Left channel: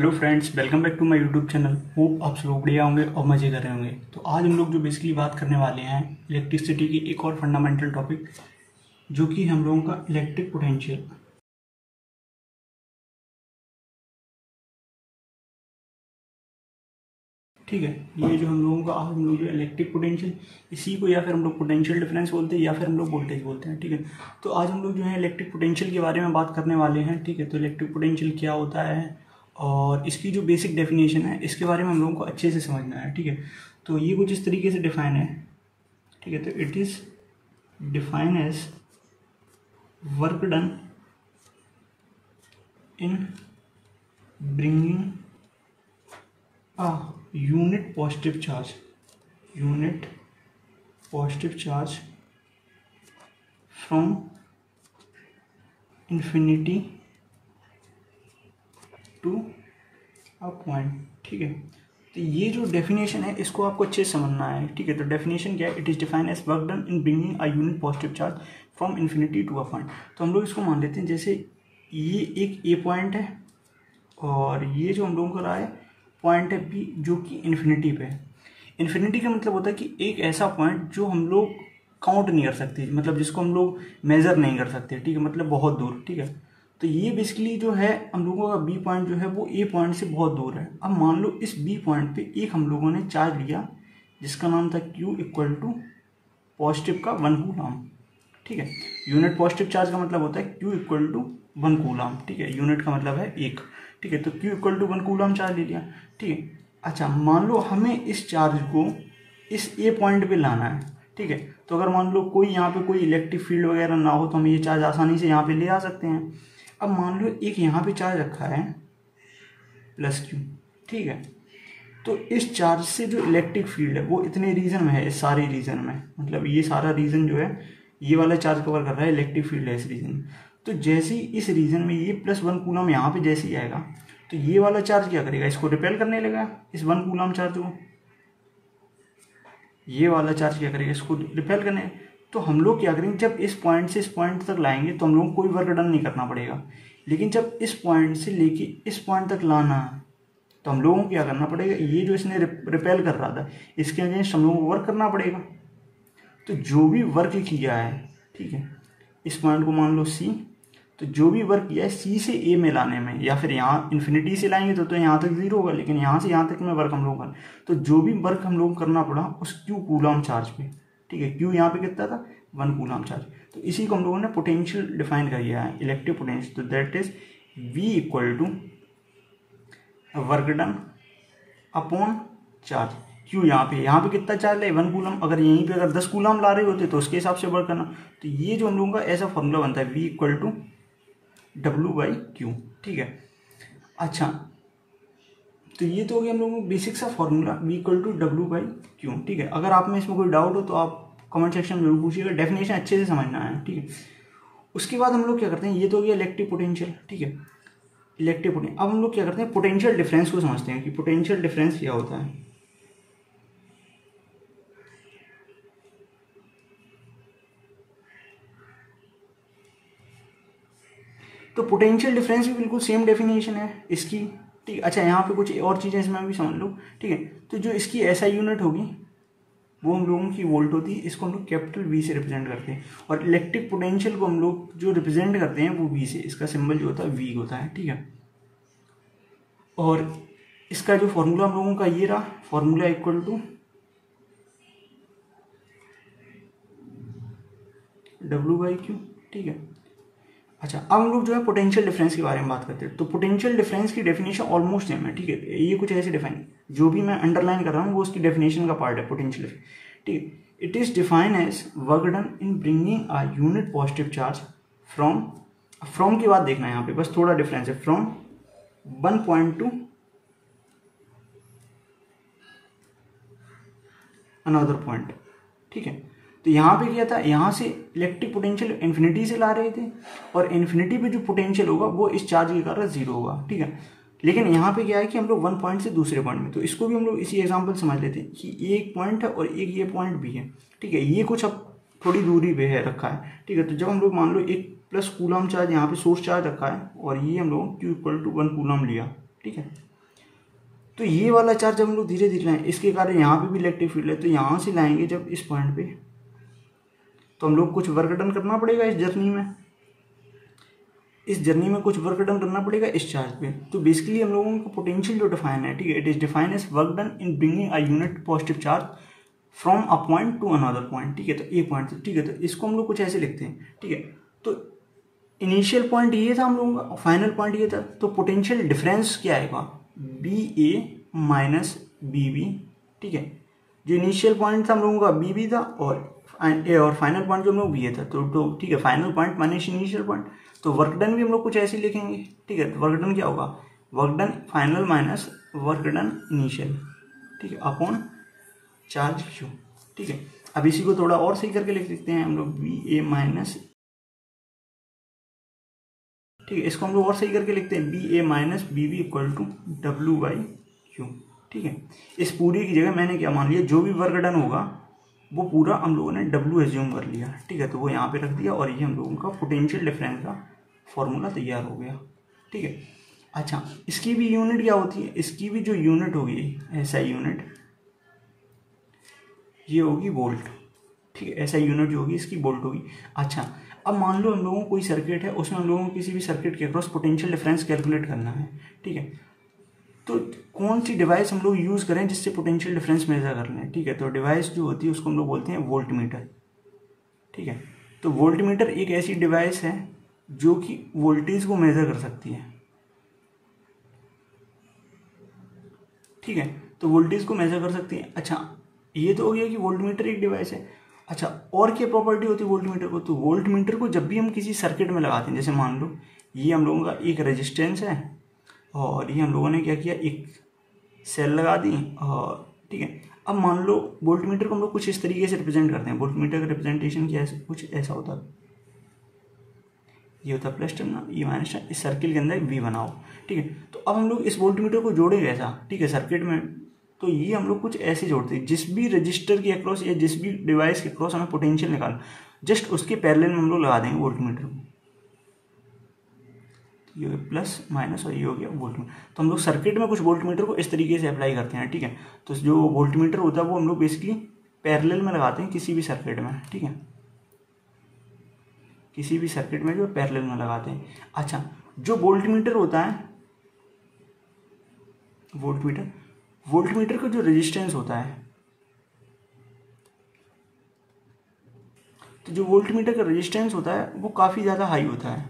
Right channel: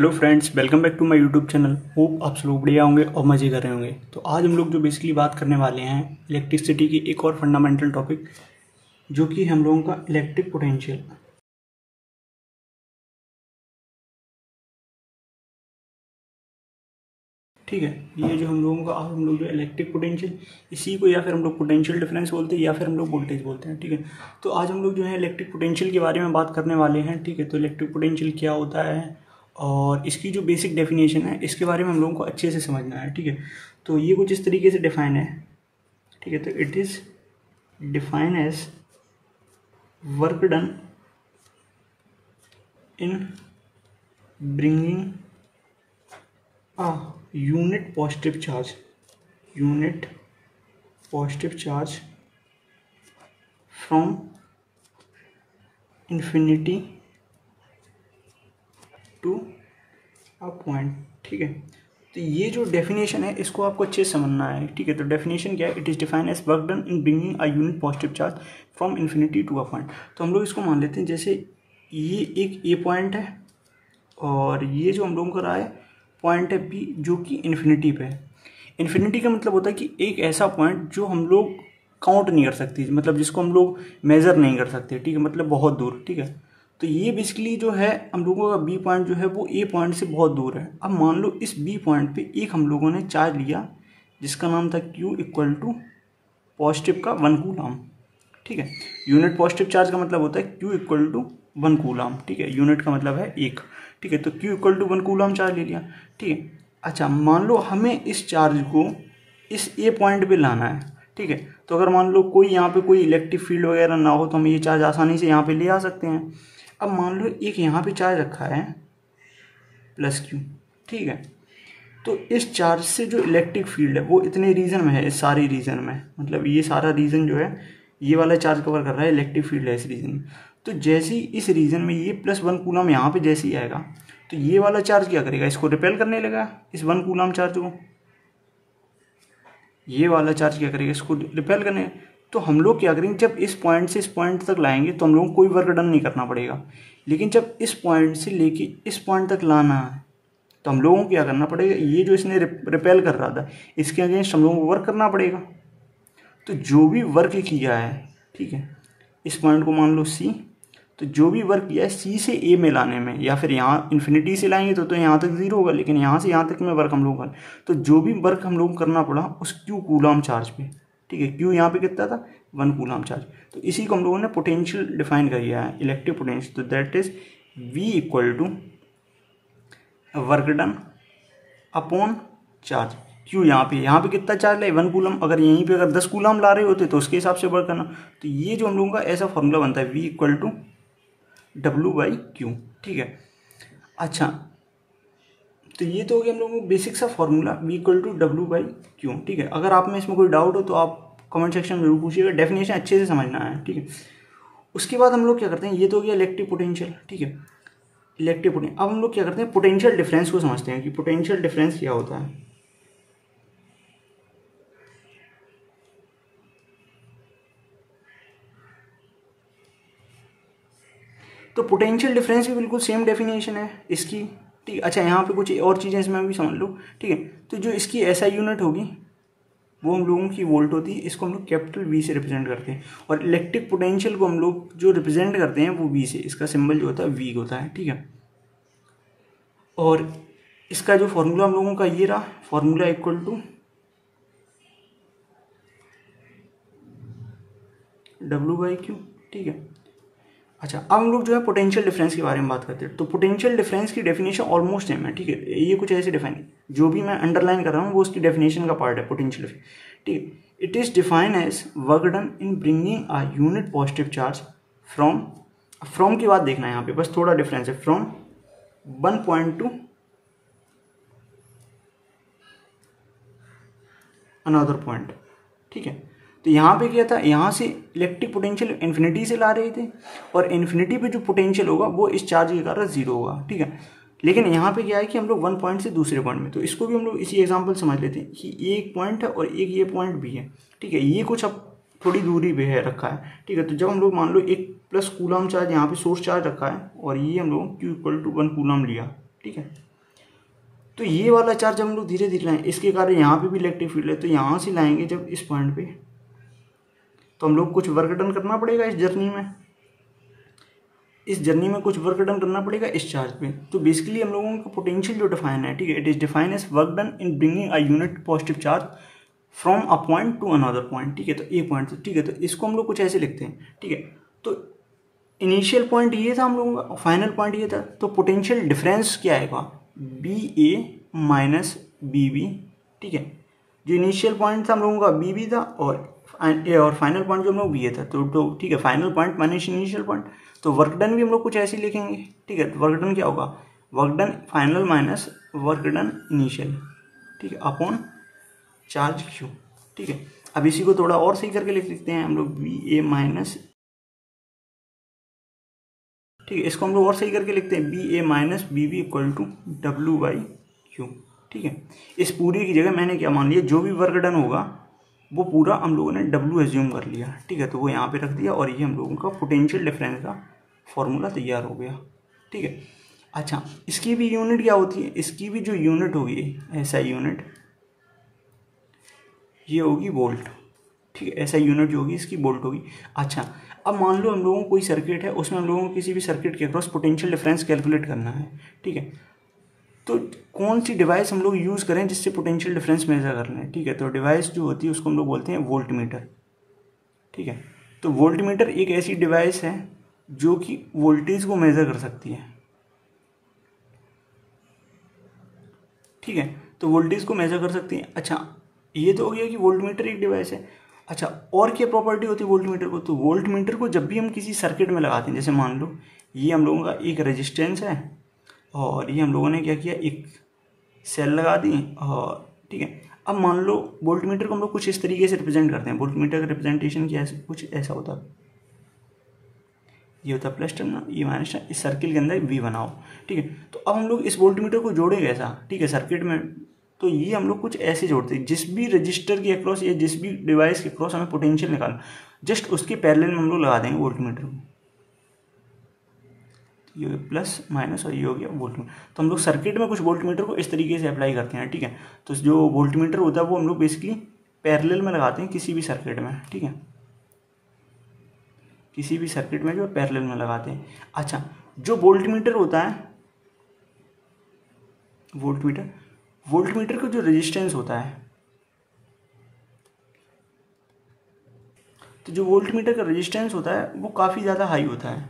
Hello friends, welcome back to my YouTube channel. Hope आप सब लोग बढ़िया होंगे और मज़े कर रहे होंगे। तो आज हम लोग जो बेसिकली बात करने वाले हैं इलेक्ट्रिसिटी की एक और फंडामेंटल टॉपिक, जो कि हम लोगों का इलेक्ट्रिक पोटेंशियल। ठीक है, ये जो हम लोगों का हम लोग जो इलेक्ट्रिक पोटेंशियल, इसी को या फिर हम लोग पोटेंशियल डिफरेंस बोलते हैं या फिर हम लोग वोल्टेज बोलते हैं। ठीक है, तो आज हम लोग जो है इलेक्ट्रिक पोटेंशियल के बारे में बात करने वाले हैं। ठीक है, तो इलेक्ट्रिक पोटेंशियल क्या होता है और इसकी जो बेसिक डेफिनेशन है इसके बारे में हम लोगों को अच्छे से समझना है। ठीक है, तो ये कुछ इस तरीके से डिफाइन है। ठीक है, तो it is define as work done in bringing a unit positive charge from infinity to a point। ठीक है, तो ये जो डेफिनेशन है इसको आपको अच्छे से समझना है। ठीक है, तो डेफिनेशन क्या है? It is define as work done in bringing a unit positive charge from infinity to a point. तो हम लोग इसको मान लेते हैं जैसे ये एक ए पॉइंट है और ये जो हम लोगों का रहा है पॉइंट है बी, जो कि इन्फिनिटी पे है। इन्फिनिटी का मतलब होता है कि एक ऐसा पॉइंट जो हम लोग काउंट नहीं कर सकते, मतलब जिसको हम लोग मेजर नहीं कर सकते। ठीक है, मतलब बहुत दूर। ठीक है, तो ये बेसिकली जो है हम लोगों का बी पॉइंट जो है वो ए पॉइंट से बहुत दूर है। अब मान लो इस बी पॉइंट पे एक हम लोगों ने चार्ज लिया जिसका नाम था Q इक्वल टू पॉजिटिव का 1 कूलम। ठीक है, यूनिट पॉजिटिव चार्ज का मतलब होता है Q इक्वल टू 1 कूलम। ठीक है, यूनिट का मतलब है एक। ठीक है, तो Q equal to 1 coulomb charge ले लिया। ठीक है, अच्छा मान लो हमें इस चार्ज को इस ए पॉइंट पे लाना है। ठीक है, तो अगर मान लो कोई यहाँ पे कोई इलेक्ट्रिक फील्ड वगैरह ना हो तो हम ये चार्ज आसानी से यहाँ पे ले आ सकते हैं। अब मान लो एक यहाँ पे चार्ज रखा है प्लस Q। ठीक है, तो इस चार्ज से जो इलेक्ट्रिक फील्ड है वो इतने रीजन में है, इस सारे रीजन में, मतलब ये सारा रीजन जो है ये वाला चार्ज कवर कर रहा है, इलेक्ट्रिक फील्ड है इस रीजन में। तो जैसे ही इस रीजन में ये प्लस 1 कूलम यहाँ पे जैसे ही आएगा तो ये वाला चार्ज क्या करेगा? इसको रिपेल करने लगा, इस 1 कूलम चार्ज को। ये वाला चार्ज क्या करेगा? इसको रिपेल करने। तो हम लोग क्या करेंगे, जब इस पॉइंट से इस पॉइंट तक लाएंगे तो हम लोगों को कोई वर्क डन नहीं करना पड़ेगा। लेकिन जब इस पॉइंट से लेके इस पॉइंट तक लाना है तो हम लोगों को क्या करना पड़ेगा? ये जो इसने रिपेल कर रहा था इसके अगेंस्ट हम लोगों को वर्क करना पड़ेगा। तो जो भी वर्क किया है, ठीक है, इस पॉइंट को मान लो C, तो जो भी वर्क किया है C से A में लाने में, या फिर यहाँ इन्फिनिटी से लाएंगे तो यहाँ तक 0 होगा, लेकिन यहाँ से यहाँ तक में वर्क हम लोग कर, तो जो भी वर्क हम लोग करना पड़ा उस Q कूलम चार्ज पे। ठीक है, Q यहाँ पे कितना था? 1 कूलम चार्ज। तो इसी को हम लोगों ने पोटेंशियल डिफाइन कर दिया है, इलेक्ट्रिक पोटेंशियल। तो that is V equal to work done upon charge. Q यहाँ पे कितना चार्ज है? 1 कूलम। अगर यहीं पे अगर 10 कूलम ला रहे होते तो उसके हिसाब से वर्क करना। तो ये जो हम लोगों का ऐसा फॉर्मूला बनता है V इक्वल टू W/Q। ठीक है, अच्छा, तो ये तो हो गया हम लोगों को बेसिक सा formula V equal to W/Q। ठीक है, अगर आप में इसमें कोई डाउट हो तो आप कमेंट सेक्शन में जरूर पूछिएगा, डेफिनेशन अच्छे से समझना है। ठीक है, उसके बाद हम लोग क्या करते हैं, ये तो हो गया इलेक्ट्रिक पोटेंशियल। ठीक है, इलेक्ट्रिक पोटेंशियल। अब हम लोग क्या करते हैं, पोटेंशियल डिफरेंस को समझते हैं कि पोटेंशियल डिफरेंस क्या होता है। तो पोटेंशियल डिफरेंस भी बिल्कुल सेम डेफिनेशन है इसकी। ठीक है, अच्छा यहाँ पे कुछ और चीज़ें इसमें भी समझ लो। ठीक है, तो जो इसकी SI यूनिट होगी वो हम लोगों की वोल्ट होती है, इसको हम लोग कैपिटल V से रिप्रेजेंट करते हैं। और इलेक्ट्रिक पोटेंशियल को हम लोग जो रिप्रेजेंट करते हैं वो V से, इसका सिंबल जो होता है V होता है। ठीक है, और इसका जो फॉर्मूला हम लोगों का ये रहा, फॉर्मूला इक्वल टू W/Q। ठीक है, अच्छा, अब हम लोग जो है पोटेंशियल डिफरेंस के बारे में बात करते हैं। तो पोटेंशियल डिफरेंस की डेफिनेशन ऑलमोस्ट सेम है। ठीक है, ये कुछ ऐसी डिफाइन, जो भी मैं अंडरलाइन कर रहा हूँ वो उसकी डेफिनेशन का पार्ट है पोटेंशियल। ठीक है, it is define as work done in bringing a unit positive charge from की बात देखना है यहाँ पे, बस थोड़ा डिफरेंस है, from 1 point to another point. ठीक है, तो यहाँ पे क्या था, यहाँ से इलेक्ट्रिक पोटेंशियल इन्फिनिटी से ला रहे थे और इन्फिनिटी पे जो पोटेंशियल होगा वो इस चार्ज के कारण 0 होगा। ठीक है, लेकिन यहाँ पे क्या है कि हम लोग 1 पॉइंट से दूसरे पॉइंट में, तो इसको भी हम लोग इसी एग्जांपल समझ लेते हैं कि ये एक पॉइंट है और एक ये पॉइंट भी है। ठीक है, ये कुछ अब थोड़ी दूरी पे है रखा है। ठीक है, तो जब हम लोग मान लो एक प्लस कूलम चार्ज यहाँ पे सोर्स चार्ज रखा है और ये हम लोग Q इक्वल टू 1 कूलम लिया। ठीक है, तो ये वाला चार्ज जब हम लोग धीरे धीरे लाएं, इसके कारण यहाँ पे भी इलेक्ट्रिक फील्ड है, तो यहाँ से लाएंगे जब इस पॉइंट पे, तो हम लोग कुछ वर्क डन करना पड़ेगा इस जर्नी में कुछ वर्क डन करना पड़ेगा इस चार्ज पे। तो बेसिकली हम लोगों को पोटेंशियल जो डिफाइन है, ठीक है, it is define as work done in bringing a unit positive charge from a point to another point, ठीक है। तो ए पॉइंट, ठीक है, तो इसको हम लोग कुछ ऐसे लिखते हैं, ठीक है। तो इनिशियल पॉइंट ये था हम लोगों का, फाइनल पॉइंट ये था, तो पोटेंशियल डिफरेंस क्या आएगा, B A minus B B, ठीक है। जो इनिशियल पॉइंट था हम लोगों का बी बी था और फाइनल पॉइंट जो हम लोग ये था, तो ठीक है, final point minus initial point. तो वर्क डन भी हम लोग कुछ ऐसे लिखेंगे, ठीक है। तो वर्क डन क्या होगा, work done final minus work done initial, ठीक है, अपॉन चार्ज क्यू, ठीक है। अब इसी को थोड़ा और सही करके लिख सकते हैं हम लोग, बी ए माइनस, ठीक है, इसको हम लोग और सही करके लिखते हैं, B A minus B B equal to W by Q, ठीक है। इस पूरी की जगह मैंने क्या मान लिया, जो भी वर्क डन होगा वो पूरा हम लोगों ने डब्ल्यू एज्यूम कर लिया, ठीक है। तो वो यहाँ पे रख दिया और ये हम लोगों का पोटेंशियल डिफरेंस का फॉर्मूला तैयार हो गया, ठीक है। अच्छा, इसकी भी यूनिट क्या होती है, इसकी भी जो यूनिट होगी, ऐसा यूनिट, ये होगी वोल्ट, ठीक है। ऐसा यूनिट जो होगी इसकी वोल्ट होगी। अच्छा, अब मान लो हम लोगों को कोई सर्किट है, उसमें हम लोगों को किसी भी सर्किट के अक्रॉस पोटेंशियल डिफरेंस कैलकुलेट करना है, ठीक है। तो कौन सी डिवाइस हम लोग यूज़ करें जिससे पोटेंशियल डिफरेंस मेजर कर लें, ठीक है। तो डिवाइस जो होती है उसको हम लोग बोलते हैं वोल्ट मीटर, ठीक है। तो वोल्ट मीटर एक ऐसी डिवाइस है जो कि वोल्टेज को मेजर कर सकती है, ठीक है। तो वोल्टेज को मेजर कर सकती है। अच्छा, ये तो हो गया कि वोल्ट मीटर एक डिवाइस है। अच्छा, और क्या प्रॉपर्टी होती है वोल्ट मीटर को, तो वोल्ट मीटर को जब भी हम किसी सर्किट में लगाते हैं, जैसे मान लो ये हम लोगों का एक रेजिस्टेंस है और ये हम लोगों ने क्या किया, एक सेल लगा दी, और ठीक है। अब मान लो वोल्ट मीटर को हम लोग कुछ इस तरीके से रिप्रेजेंट करते हैं, वोल्ट मीटर का रिप्रेजेंटेशन क्या है, कुछ ऐसा होता है, ये होता है प्लस टर्न, ये माइनस टर्न, इस सर्किल के अंदर वी बनाओ, ठीक है। तो अब हम लोग इस वोल्ट मीटर को जोड़ेंगे ऐसा, ठीक है, सर्किट में। तो ये हम लोग कुछ ऐसे जोड़ते हैं, जिस भी रजिस्टर के अक्रॉस या जिस भी डिवाइस के अक्रॉस हमें पोटेंशियल निकालना, जस्ट उसके पैरेलल में हम लोग लगा देंगे वोल्ट मीटर को, ये हो गया प्लस माइनस और ये हो गया वोल्ट मीटर। तो हम लोग सर्किट में कुछ वोल्ट मीटर को इस तरीके से अप्लाई करते हैं, ठीक है। तो जो वोल्ट मीटर होता है वो हम लोग बेसिकली पैरेलल में लगाते हैं किसी भी सर्किट में, ठीक है, किसी भी सर्किट में जो पैरेलल में लगाते हैं। अच्छा, जो वोल्ट मीटर होता है, वोल्ट मीटर का जो रेजिस्टेंस होता है, तो जो वोल्ट मीटर का रेजिस्टेंस होता है वो काफ़ी ज़्यादा हाई होता है,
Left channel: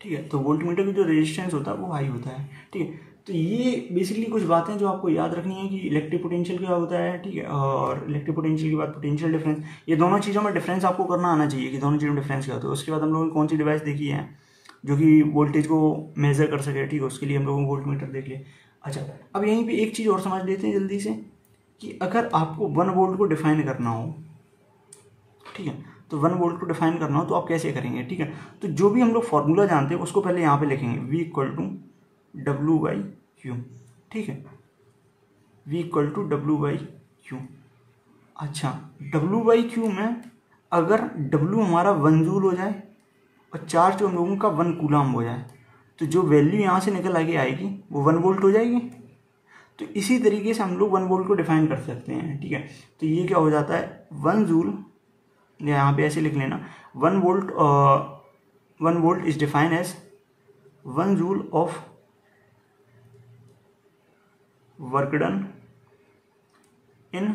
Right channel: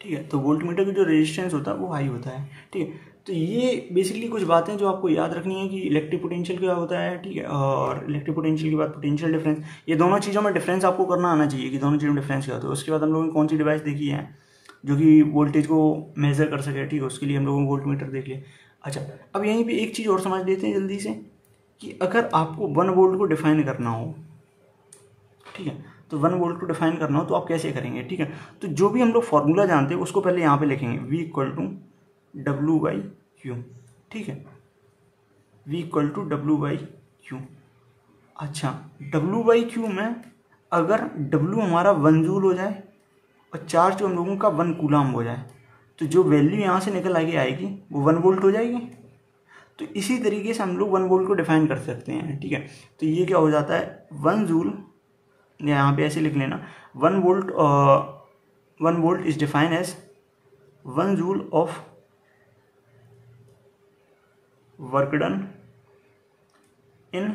ठीक है। तो वोल्ट मीटर का जो रेजिस्टेंस होता है वो हाई होता है, ठीक है। तो ये बेसिकली कुछ बातें जो आपको याद रखनी है कि इलेक्ट्रिक पोटेंशियल क्या होता है, ठीक है, और इलेक्ट्रिक पोटेंशियल के बाद पोटेंशियल डिफरेंस, ये दोनों चीज़ों में डिफरेंस आपको करना आना चाहिए कि दोनों चीज़ों में डिफरेंस क्या होता है। उसके बाद हम लोगों ने कौन सी डिवाइस देखी है जो कि वोल्टेज को मेजर कर सके, ठीक है, उसके लिए हम लोगों को वोल्ट मीटर देख लिया। अच्छा, अब यहीं पे एक चीज़ और समझ लेते हैं जल्दी से, कि अगर आपको 1 वोल्ट को डिफाइन करना हो, ठीक है, तो 1 वोल्ट को डिफाइन करना हो तो आप कैसे करेंगे, ठीक है। तो जो भी हम लोग फॉर्मूला जानते हैं उसको पहले यहाँ पे लिखेंगे, V equal to W by Q, ठीक है, V equal to W by Q. अच्छा, W बाई क्यू में अगर W हमारा 1 जूल हो जाए और चार्ज जो हम लोगों का 1 कूलम हो जाए, तो जो वैल्यू यहाँ से निकल आएगी वो 1 वोल्ट हो जाएगी। तो इसी तरीके से हम लोग 1 वोल्ट को डिफाइन कर सकते हैं, ठीक है। तो ये क्या हो जाता है, 1 जूल, यहाँ पे ऐसे लिख लेना, 1 volt is define as 1 joule of work done in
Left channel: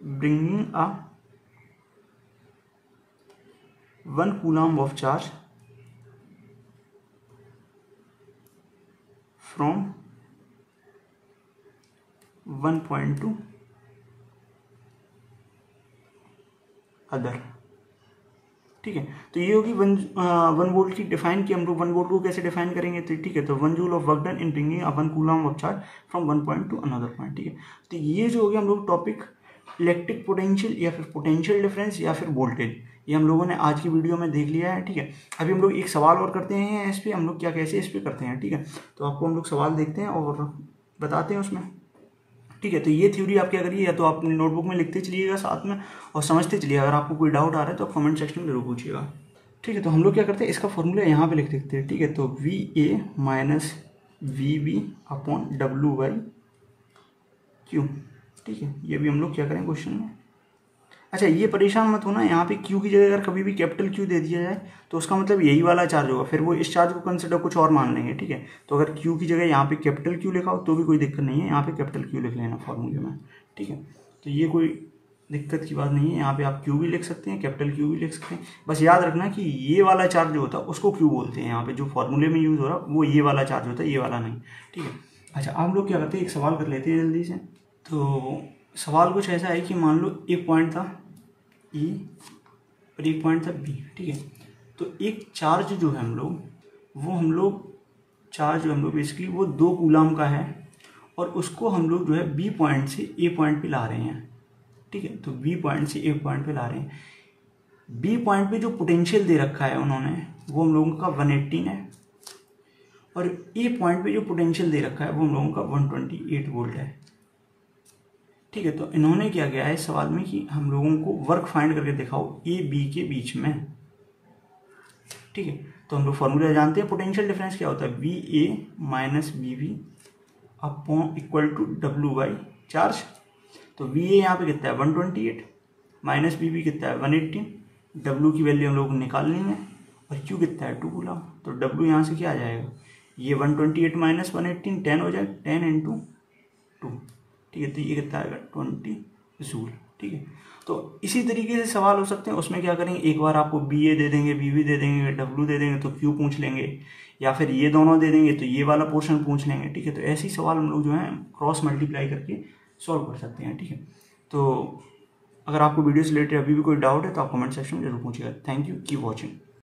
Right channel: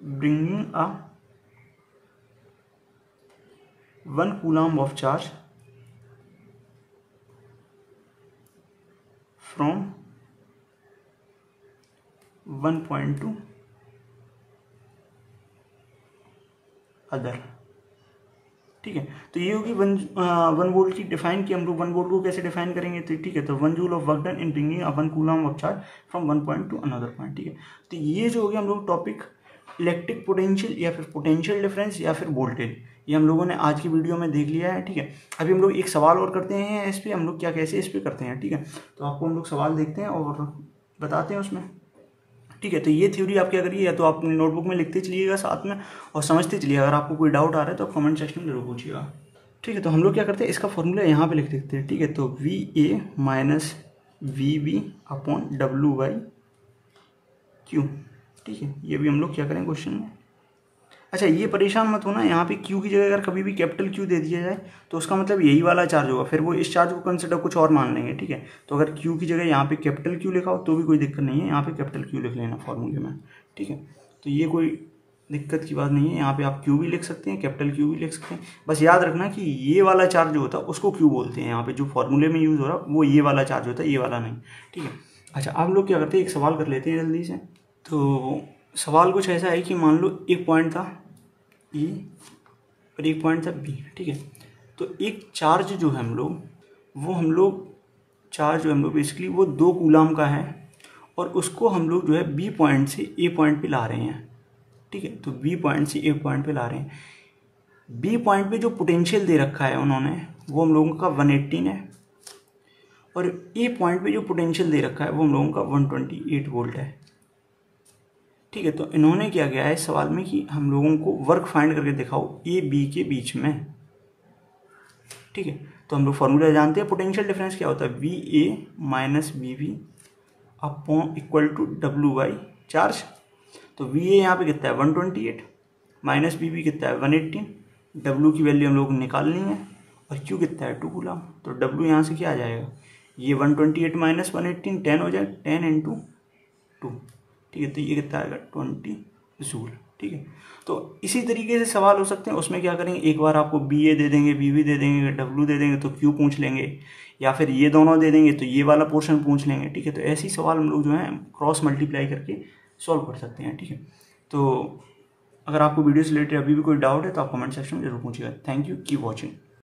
bringing a 1 coulomb of charge from 1 point to other, ठीक है। तो ये होगी 1 वोल्ट की डिफाइन की, हम लोग 1 वोल्ट को कैसे डिफाइन करेंगे, तो ठीक है, तो 1 joule of work done in bringing a 1 coulomb of charge from 1 point to another point, ठीक है। तो ये जो हो गया हम लोग टॉपिक इलेक्ट्रिक पोटेंशियल या फिर पोटेंशियल डिफरेंस या फिर वोल्टेज, ये हम लोगों ने आज की वीडियो में देख लिया है, ठीक है। अभी हम लोग एक सवाल और करते हैं इस पर, हम लोग क्या कैसे इस पर करते हैं, ठीक है। तो आपको हम लोग सवाल देखते हैं और बताते हैं उसमें, ठीक है। तो ये थ्योरी आप क्या करिए, या तो आप अपनी नोटबुक में लिखते चलिएगा साथ में और समझते चलिए, अगर आपको कोई डाउट आ रहा है तो कमेंट सेक्शन में जरूर पूछिएगा, ठीक है। तो हम लोग क्या करते हैं, इसका फॉर्मूला यहाँ पे लिख देते हैं, ठीक है। तो V A minus V B upon W by Q. ठीक है, ये भी हम लोग क्या करें क्वेश्चन में। अच्छा, ये परेशान मत होना, यहाँ पे क्यू की जगह अगर कभी भी कैपिटल क्यू दे दिया जाए तो उसका मतलब यही वाला चार्ज होगा, फिर वो इस चार्ज को कंसिडर कुछ और मान लेंगे। ठीक है, तो अगर क्यू की जगह यहाँ पे कैपिटल क्यू लिखा हो तो भी कोई दिक्कत नहीं है, यहाँ पे कैपिटल क्यू लिख लेना फॉर्मूले में। ठीक है, तो ये कोई दिक्कत की बात नहीं है, यहाँ पे आप क्यू भी लिख सकते हैं, कैपिटल क्यू भी लिख सकते हैं। बस याद रखना कि ये वाला चार्ज जो होता है उसको क्यू बोलते हैं, यहाँ पे जो फॉर्मूले में यूज़ हो रहा है वो ये वाला चार्ज होता है, ये वाला नहीं। ठीक है, अच्छा आप लोग क्या करते हैं, एक सवाल कर लेते हैं जल्दी से। तो सवाल कुछ ऐसा है कि मान लो एक पॉइंट था E और एक पॉइंट था B। ठीक है, तो एक चार्ज जो है हम लोग चार्ज जो हम लोग बेसिकली वो 2 कूलाम का है और उसको हम लोग जो है B पॉइंट से A पॉइंट पे ला रहे हैं। ठीक है, तो B पॉइंट से A पॉइंट पे ला रहे हैं। B पॉइंट पे जो पोटेंशियल दे रखा है उन्होंने वो हम लोगों का 118 है और A पॉइंट पे जो पोटेंशियल दे रखा है वो हम लोगों का 128 वोल्ट है। ठीक है, तो इन्होंने क्या किया है इस सवाल में कि हम लोगों को वर्क फाइंड करके दिखाओ ए बी के बीच में। ठीक है, तो हम लोग फॉर्मूला जानते हैं, पोटेंशियल डिफरेंस क्या होता है, V A minus B B upon equal to W by charge. तो वी ए यहाँ पे कितना है 128 माइनस बी बी कितना है 118, डब्ल्यू की वैल्यू हम लोग निकालनी है और क्यू कितना है 2 कूलम। तो डब्ल्यू यहाँ से क्या आ जाएगा, ये 128 माइनस 118 10 हो जाएगा, 10 इंटू 2। ठीक है, तो ये कितना आएगा 20 जूल। ठीक है, तो इसी तरीके से सवाल हो सकते हैं, उसमें क्या करेंगे, एक बार आपको बी ए दे देंगे, बी बी दे देंगे, डब्ल्यू दे देंगे तो क्यू पूछ लेंगे, या फिर ये दोनों दे देंगे तो ये वाला पोर्शन पूछ लेंगे। ठीक है, तो ऐसे ही सवाल हम लोग जो है क्रॉस मल्टीप्लाई करके सॉल्व कर सकते हैं। ठीक है, तो अगर आपको वीडियो से रिलेटेड अभी भी कोई डाउट है तो आप कमेंट सेक्शन में जरूर पूछिएगा। Thank you, keep watching.